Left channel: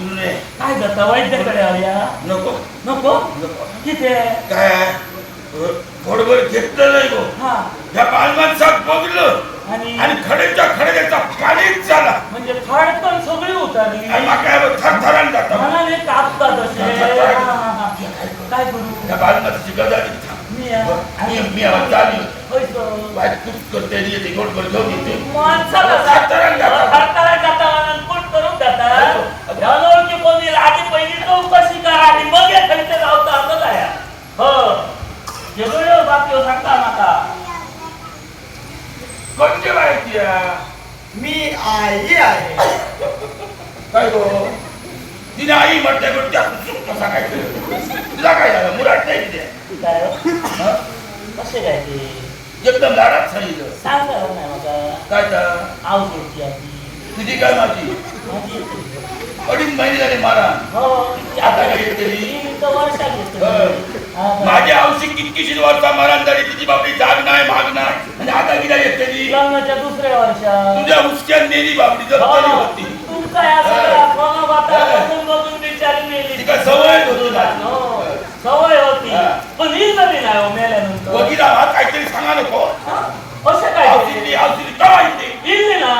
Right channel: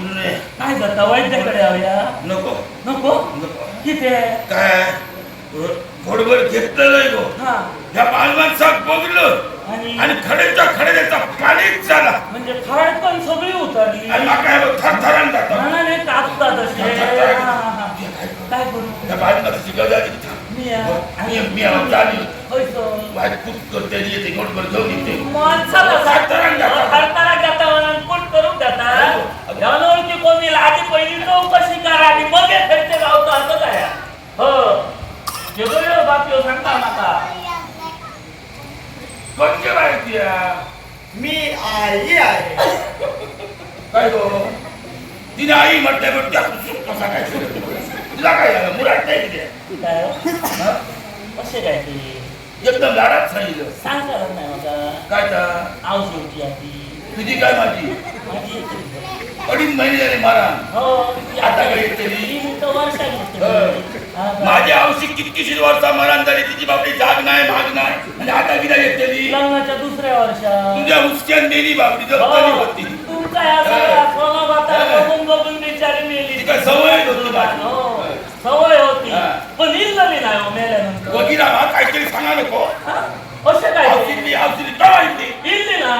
गुरुने काय जाता वैद्याकडे आऊया नको नको नको किती काय थोडंभर घेतलं नाही गो हा ह्या बालमाणसात बघलं आणि खड्याच्या खड्याचा पाणीच झाला म्हणजे फाडकन सगळी उतरली काय थरथरान जात मनाने कापतात असे काय करू त्या बालमाची गदा मी जाणी तूच करते येते गोडभर घेऊन येते ओळखी कोणी आधी पहिली चौकशी करा आणि मग खर्च लावता असं काय हो जगळ बाकी सांगता माता कोणती माहिती मी आई आहे काय गो तिने आई म्हटलं पण त्या कसा काय तुला काय झालं मुराट नाही तिथे काय कसे काय ते एकदम लाडात सांगितलं सांग करत नाही मग काय तर आव सोडची आधी तुझी काय माझी माझी अडीच महिने झाले मारा हो आता घेतली वर्षा घेतली माझी औषधी कितकीशी वर्षा मारण झाली तिची बाबडी जाग नाही भाग नाही आणि आता तिला येतली लग्नाच्या दुसऱ्या वर्षात तुझ्या उचक्यात नेली बाबडी जगतली होती तुमचा या सगळ्या फोनाबाता बघून बघून बिचारी मेली तिका सवय होती सवय होती पण येईल नवीन आहे मेल्यानंतर वगैरे हा काहीतरी सांगा नको असे काय औषधी औषधी काय येते येईल ना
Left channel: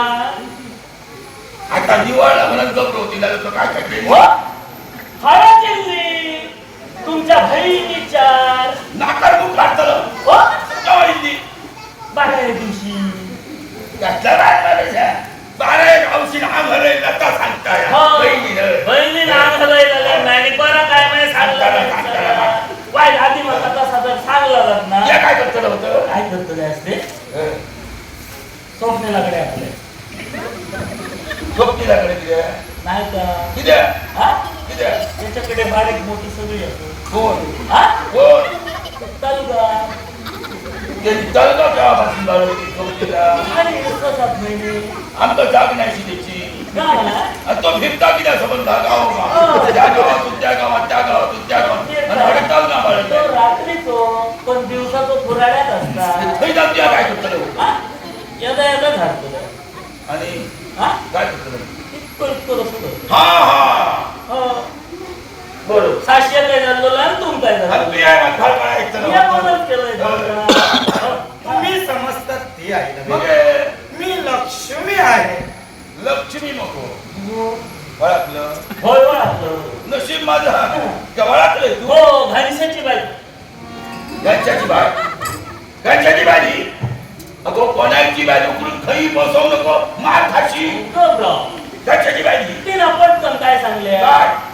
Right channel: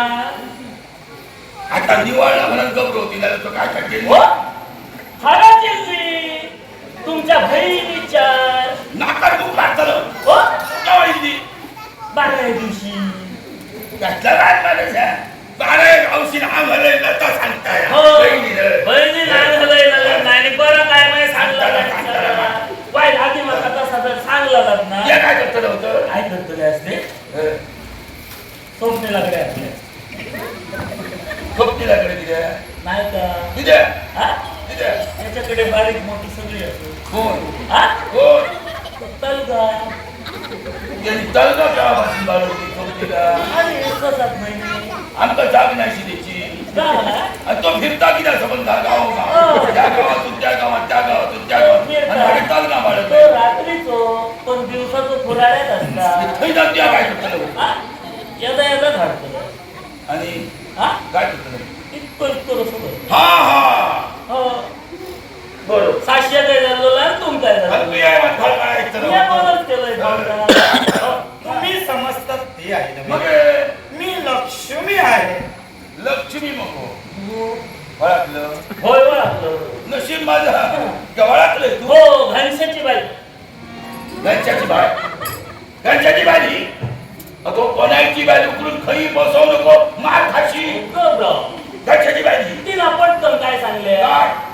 आता निवडला म्हणून गप्प होती काय काय केलं खरा चिल्ली तुमच्या बहिणी चार नाकार बुक घातलं हो काय 12 दिवशी घातलं काय बारा औषध आम्हाला लता सांगताय बहिणी नाही बरं काय नाही सांगलं वाईट आधी मग तसा जर सांगलं ना काय करत होतं काय करतो असते स्वप्नेलाकडे असले स्वप्नीलाकडे दिल्या नाही का दिल्या हा दिल्या त्याच्याकडे बारीक मोठी सगळी असते कोण हा कोण तलगा त्यांनी तळगा केव्हापासून बाळगली स्वप्नीला अरे 1-7 महिने आमका जाग नाही त्याची आणि तो फिरता की नाही संबंध गाव त्या गावातून त्या गावात त्या गावातून त्या गावात तळगा बाळगला तो रात्रीचो पण दिवसा तो फुराड्यात असतात थंय जाऊन काय करतो यदा झाडतो आणि काय करतो इतकं हा हा बरोबर सातशे काय झालेलं आहे तुम काय तुम्ही समजतात ते आहे मग मी लक्ष्मी आहे लक्ष्मी मग वळखलं होय ओळखलं नशीब माझं वळखलंय तू हो घनशाची बाई घनशाची बाय घनशाची बाई अगो कोणाची बाई उकरून खई बसवू नको मार खाशी घनशाची बाई तिला पटकन काय सांगले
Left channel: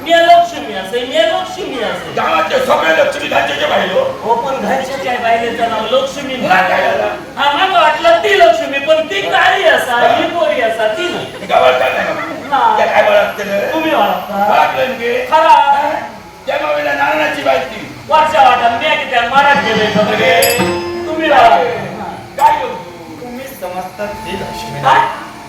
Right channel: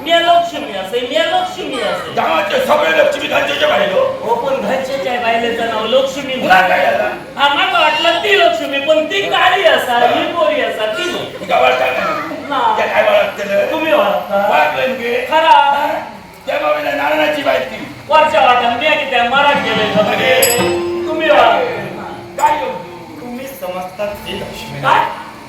मी लक्ष्मी असे मी लक्ष्मी असे गावाचे सगळे लक्ष्मी घनशाच्या बाईलो हो पण घनशाच्या बाईलेचं नाव लक्ष्मी आम्हाला वाटलं ती लक्ष्मी पण ती काळी असा ही गोरी असा ती नाही काय वळखलं तुम्ही ओळखता वळखलं खरा त्या बाबीला नारळाची बाई ती वरच्या वाटा मी की त्या मराठ गेले तुम्ही काय तुम्ही समजतात ते लक्ष्मी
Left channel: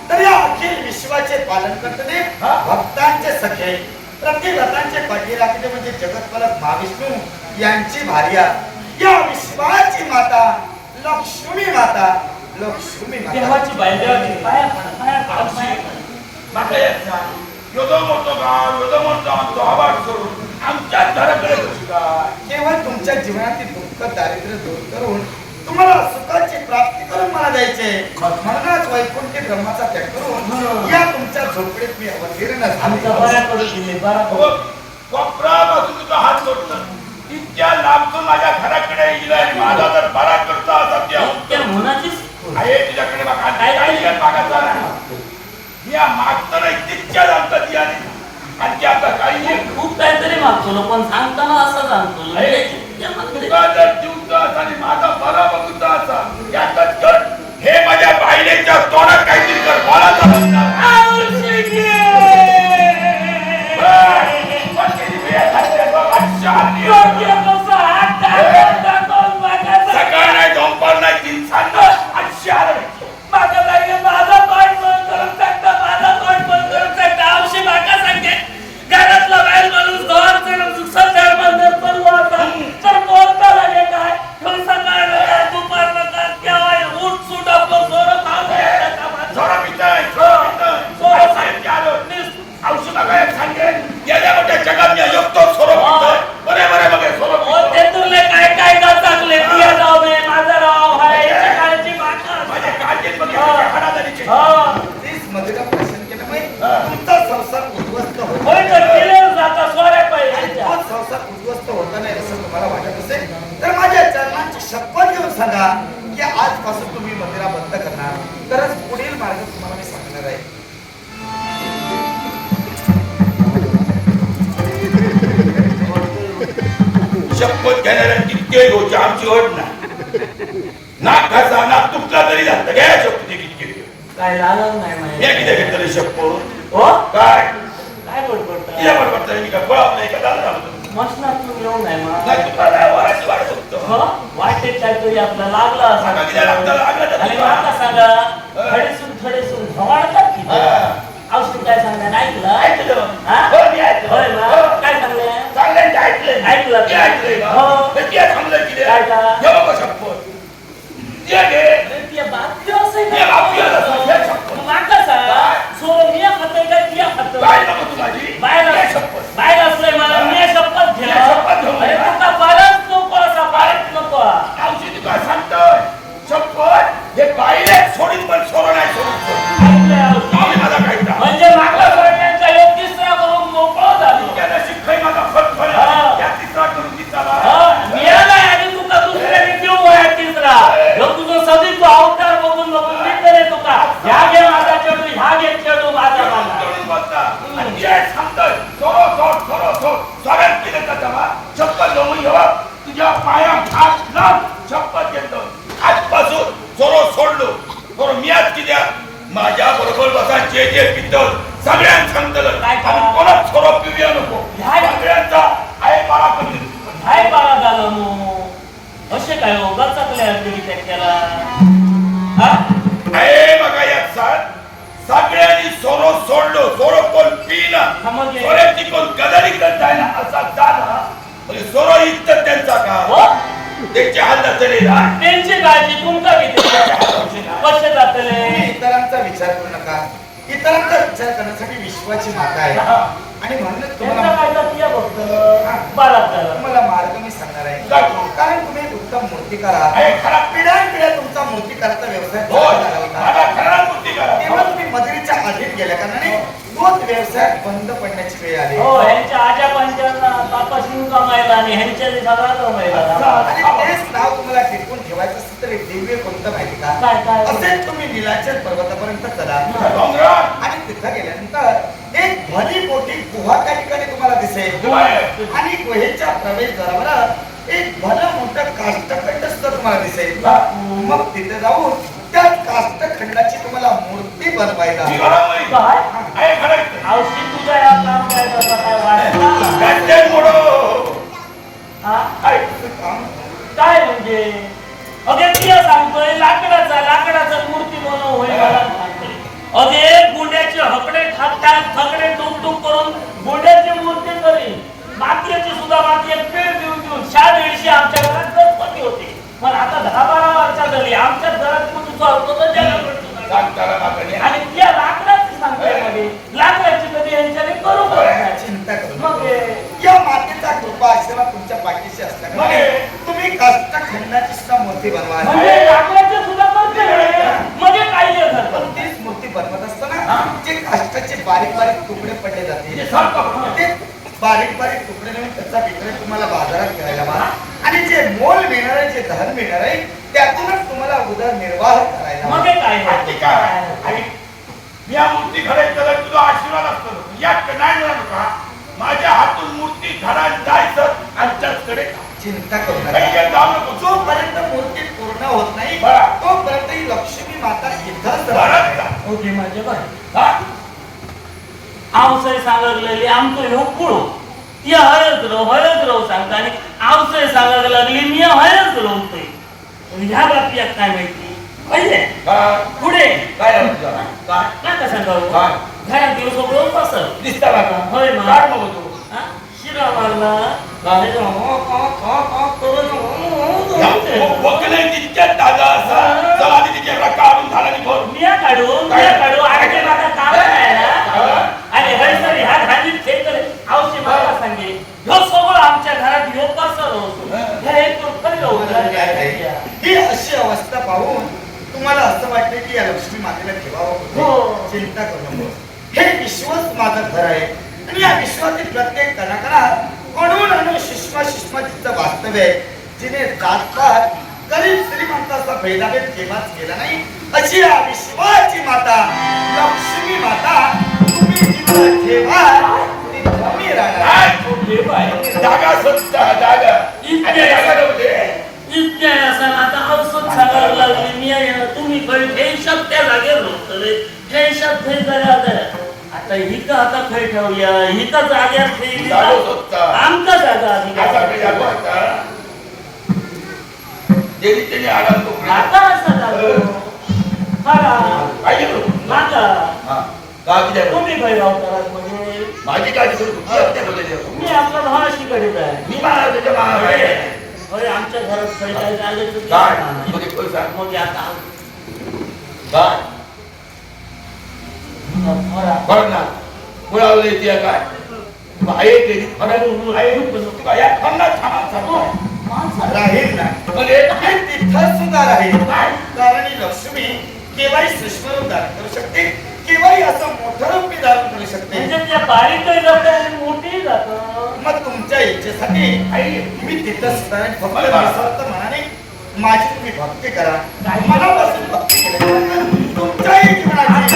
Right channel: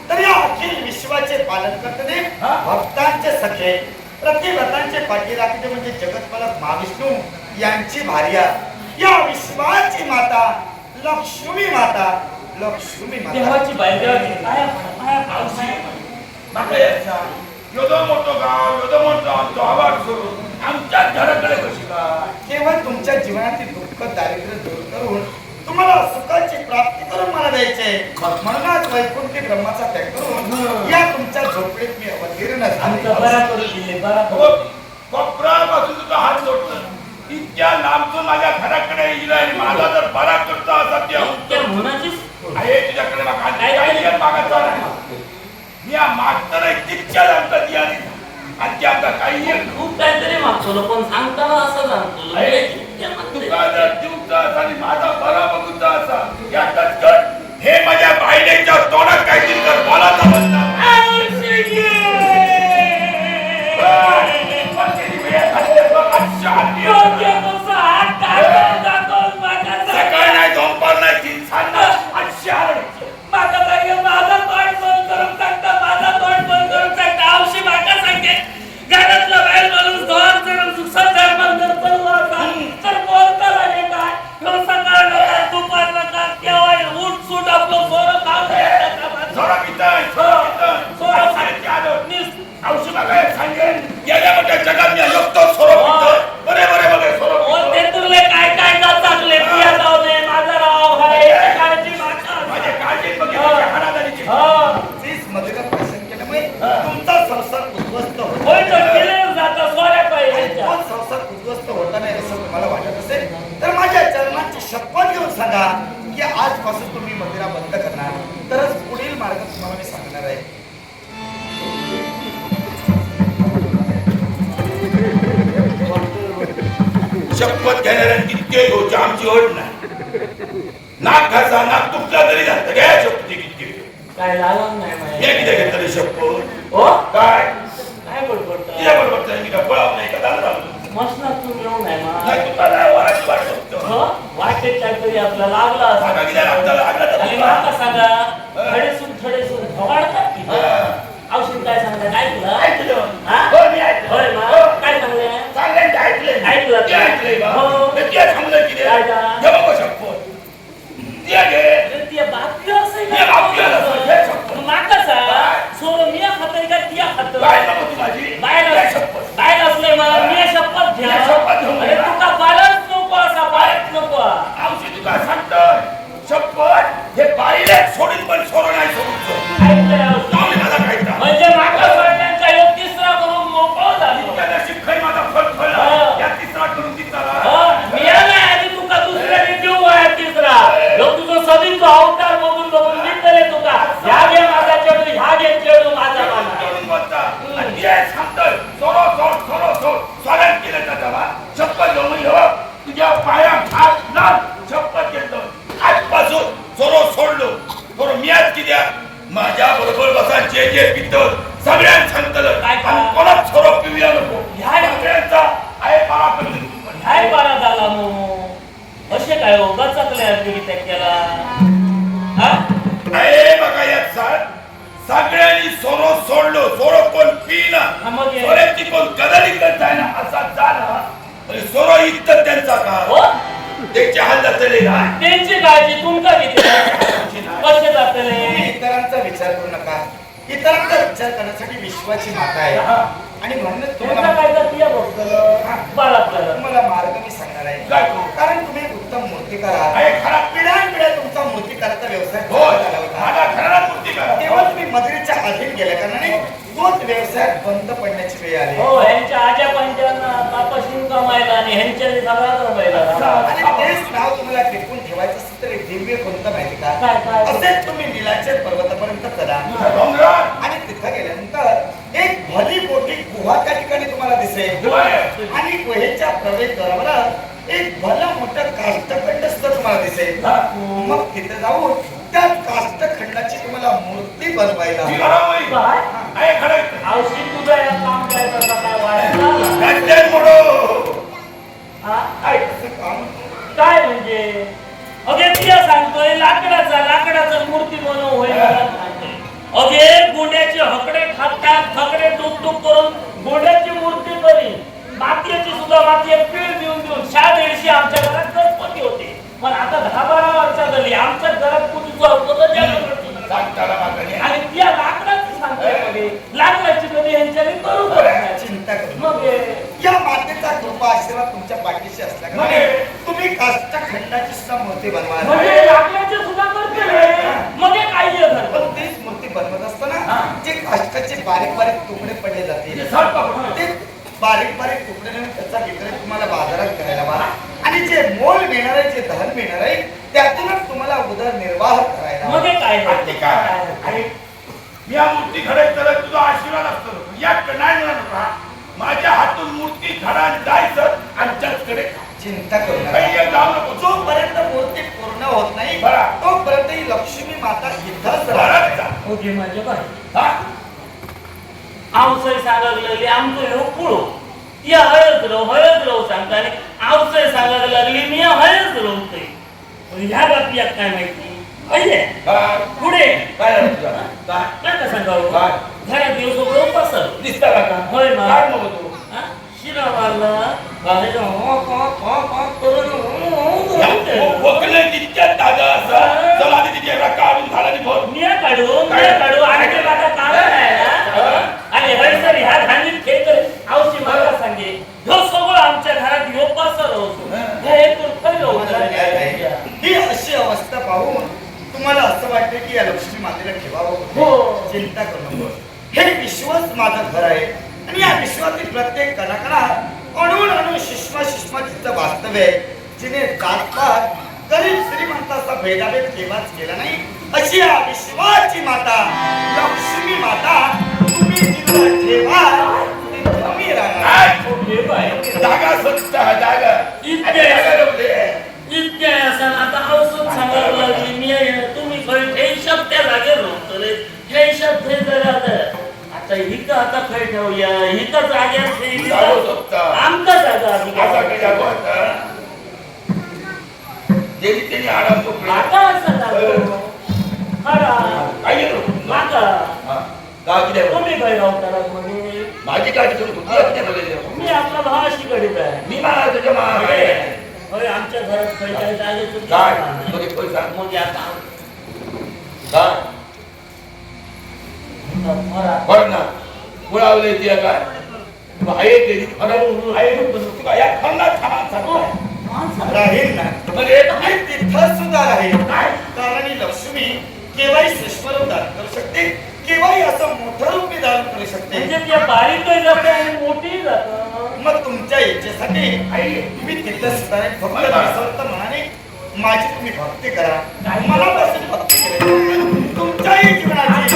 तर या अखिल विश्वाचे पालन करते भक्तांचे सखे प्रतिव्रतांचे पाठीराखते म्हणजे जगतपालक महाविष्णू यांची भार्या या विश्वाची माता लक्ष्मी माता लक्ष्मी माता देवाची बाई देवाची पाया योदो मोठो गाव योदो मोठो आमचो आवाज करून आमच्या घराकडे कशी काय केवळ तुमच्या जीवनातील दुःख दारिद्र्य दूर करून तुम्हाला सुखाची प्राप्ती करून मला द्यायचे म्हणूनच वैकुंठी ब्रह्माचा त्याग करून या तुमच्या झोपडीत मी अवतीर्ण कोपरापासून तुझा हात जोडतो इतक्या लांबून माझ्या घराकडे येईल आणि माझा जर बरा करता असा आहे तुझ्याकडे मागायचा या मागताना इतक्या लांबता ती आणि आता काही खूप काहीतरी मागतो पण सांगताना असं सांगतो तुका जर जीवचा असा आणि माझा बरा बघूचा असा याच्यात कर हे माझ्या बायलेच्या तोंडात काहीतरी कर मला सकाळ नाही दोंपर नाही तीन सांग माझा तोंड बंद करून टाकता माझा तोंड बंद करून टाकता औषधी माका सांगते घरातला बाहेर माणूस दोन सध्या बंदर चालू होता तर बोलता लागे काय सकाळ नका दुपार नका केव्हा उठ सूट आपलं सोरं खाऊ सोरं पिताय गेल्या मोठ्या जगात मी अयोग्य सोरो बरे बरे बघे सोरो ओ ते तुरले काय काय जाचकले पिया जाऊ दे माझा राव हाय याची काळजी माझे काळजी बघे हाडादारीची तीच मदिरा भाषण केल्यामुळे तुमचा संसार उद्ध्वस्त होतो होय तर केले जाता सोऱ्या आणि पाहिजे तोच संसार उद्ध्वस्त होता नाही असं तुम्हाला वाटत असेल तर माझ्या चरणांची शपथ घेऊन सांगा की आजपासून तुम्ही मंदिरा बंद करणार तरच पुढील मार्ग तुम्हाला मी सांगणार आहे. शपथ घेणाऱ्या कितके गोष्टी आमची ओढ नाही नाक घासा नाक तुटला तरी जात घ्या शपथ कितके काय लागलं नाही या माहिती किती घेतलं शपथ हो काय काय बोलतो तिला बरोबर मी काय पळाव नाही का दादा मसनातून येऊ नाही मा नाही तुला वराची वाट बघतो हो वाटेत काहीतरी आपला लागला सांगा किती लागतं लागलं आणि तर माका सांगा थडेसून भवाडतात की औषध काय सांगा ऐकलं ऐकलं हा? हो मी ऐकलं होय मा हो. काय सांगले चांगलं ते ऐकलंय ऐकलं. ते ऐकलंय बा हो. मी ते थांबलं की रे काय का? जेव्हा बघ शपथ ते घे अरे ती बातमी असं ती बातमी असं, हे शपथ. माका सांग सो मिया खातोय का तिया खातोय काय नको तू माझी बाहेर काय शपथ बाहेर असलंय मला मी शपथ घेला मी शपथ घेऊन अरे गेला. तुका बरंच नको असं बरंच नको औषधी काय सांगतोय शपथ हे पाहिले सोडून पण सोडा नाही सोडून ऐकलंय औषध. माऊली माझा काही त्रास. म्हणजे माका सोडण्याचा योग तिसरा करून मोकळं झालो इतक्या नशीब खाई माझा फट हा. या तिसरा करून दिसला मिळालाय आणि तुका दुसऱ्याने देऊ आहे तिसरा ह्यो तुझं सगळी तू अवतार बघून बघून मी करे तुका ह्या घे माझा चेडू ह्या घे चेडू माझा माझा जोडून बोलता आणि जे सांगतोय सोरो सोड स्वागत केलं त्याचा बा शपथ घेऊन घेवा तुझ्या पायात हात लाव शपथ घेतो आजपासून सोरो सोडलो सोरो मी आज किद्या माझ्या बरोबर बसा जे पितल सगळ्यांना सांगतलं काय करा? आणि कोणाच सोरो पिऊया नको ह्या- सगळ्यांचा आहे बारा करतो हाय बारा झाला मोमो असे काय हो गचाकले आपली की त्याला हा आहे बघा यात साथ सगळ्यांनी सोरो सोडलो सोरो कोण पिना हा, मग हे- सोऱ्याची कोण कदली करत आहे ना असा झाला म्हणजे सोरो इतकं त्यांचा का हो त्याच्या हातात चले ना त्यांची काळजी तुमका किती कसे जातले तुम्ही इतरांचा विचार करू नका इतरांचा विचार करण्यासाठी विश्वाची माता आहे आणि म्हणूनच त्यांचा तुम्हाला काय जातीय बघ बालात झालं तुम्हाला मार्ग मी सांगणार आहे काय तो? कारण तुम्ही एक उत्तम मूर्तिकार आहात आहे खरा पिढ्यानपिढ्या तुमचा मूर्तिकाराचा व्यवसाय हो चालत आला होता माझा खरा मूर्ती करा तेव्हा तुम्ही मजुरीच्या अधीन गेल्या कारणाने तोच व्यवसाय बंद पडण्याची वेळ आली हो ह्यांच्या आजा पंचांना तापासून कमायला आणि ह्यांच्या सगळा कमायला आणि तेच नाव तुम्हाला टिकून ठेवायचं असेल तर एक दिव्य कोणतं माहिती का काय? असेच तुम्ही नीलाचल पर्वतापर्यंत चला डोंगरात आणि तिथं गेल्यानंतर एक भली मोठी गुहा त्या ठिकाणी तुम्हाला दिसेल आणि गुहेच्या प्रवेशद्वारावर एक भलं मोठं काष्ठखंड सुद्धा तुम्हाला दिसेल मग तिथे जाऊन त्या काष्ठखंडाची तुम्हाला मूर्ती बनवायला जी घरामध्ये काय आहे खरं औषधी तुझं या काम करायचं काय वाटलं गंडे मोडो हा? आहे कसं काम काय म्हणजे अगे तिया सांगतोय लाकडाचा मूर्ती बनव होय मला सांगतोय अगे गुंड्याचे हकडे ठाकतात फकडे टुक करून गुंड्याची मूर्ती करी मातीची सुद्धा माती पीळ देऊन 150 आमच्या घरात गणपती होते पण आता 10-12 वर्षा झाली आमच्या घरात तुझं होतं जगाकडचं सांगताना मागणी आणि त्या लाकडाची सांगतोय मध्ये लाकडाची कधी यांच्याने करू शकत नाही. चिंता करू मग नका. या मातेचा कृपा आशीर्वाद तुमच्या पाठीशी असल्यामुळे तुम्ही काष्ठखंडाची सुद्धा मूर्ती बनवा म्हणजे लाकडाचे सुद्धा करते मग काय झालं पण तीच मूर्ती बनवत असताना जे काष्टाचे बारीक बारीक तुकडे पडले जातील ते बारीक बारीक तुकडे नेऊन त्याचा विक्रय तुम्हाला बाजारात करायला हवा आणि जे मोल मिळणार आहे जे धन मिळणार आहे त्यातूनच तुम्हाला उदरनिर्वाह करायला हवा. मग काय ते काय आणि या मूर्ती घडायचं तुझा आशीर्वाद असतो या नाही म्हणा नका माझ्या हातून मूर्ती घडायला जायचं आणि त्याचकडे चिंता करू नका काही काही जाऊ नको जोपर्यंत मूर्ती पूर्ण होत नाही बरं. तोपर्यंत ही लक्ष्मी माता इथंच घरात राहणार. जा. ओके माझे बाय हा? आवसय सांगायला आमचं ह्यो पुळो ती हळद राव सांगता आणि आवसय सांगायला लागली मी हळद रवतोय पण ह्या बाबतीत काय माहिती पाहिजे काय पुढे काय झालं तुझं? काय काय सांगावं काय? घरात गेलो सगळं पसर दिसता का होय मा. काय नको तू हा? शिरा मारला त्याच्या वकले तितक्या ताजा असा चला आधी तिच्या काढून झाला आणि भर मिया काढू आणि ते माझं काम नाही ना आणि आणि हयसर ह्या घाणीत खेळ आवशी मला सांगे ह्यो सगळं आमच्या घरात ह्यो पसर होतो हे एकूण खरं होतं ही अशी अवस्था पाहून तुम्हाला असं वाटते की या लक्ष्मी मातेला ठेवावं हो. होतं. चिंता करू नको. हे विश्वच माझं घर आहे आणि या विश्वातील प्रत्येक कणाकणात अणून अणू शिष्मा तिचं वास्तव्य आहे. जिने जातपात गरीब श्रीमंताचा भेदाभेद केव्हाच केला नाही अशी या विश्वाची माता लक्ष्मी माता तुम्ही जिथं ठेवा तिथं मी राहणार. जागा स्वच्छ जागा इतके- जागा नव्हते. इतक्या असं आता औषध सांगायला लागले मी तुम्ही खै त्या जागेवर रोखले हे शब्द हे जगात आता हिका आता खै ठेवूया हिका जाग्यावर ठेवली जागो स्वच्छ. आमका जागा आधी असा काही जागो होता. ज्यांनी त्यांनी आराम करून आता असं झालं खरा काय केलं? माका हा. का किती आहे? तुम्ही काय गावतारात म्हणजे माझी काळजी करू तुमची आपल्यामध्ये मी आपला भावाशीकडे आहे मी मला त्याच्या मागे होय आमच्या घरात खै काय जागेचं काय ठिकाण नाही. तुझे पैसा मग आता काय खरा बघ ना मुळावले ती काय आहे तेरी खरं आहे तुका या खंडात थांबा सरकार राहील ना म्हणजे आणि तिथं सुद्धा राहील कारण ही लक्ष्मी केव्हाही सूक्ष्म रूप धारण करू शकते केव्हाही असं मोठं रूप मी धारण करू शकते. म्हणजे त्या बारीकही जातं आणि मोठी जातं मग तुमच्या इच्छेसाठी आई मी तिथंच राहीन. फक्त निस्वार्थ मनाने माझी तुम्ही भक्ती करा मनापासून भक्ती केली तुमच्याही जीवनाची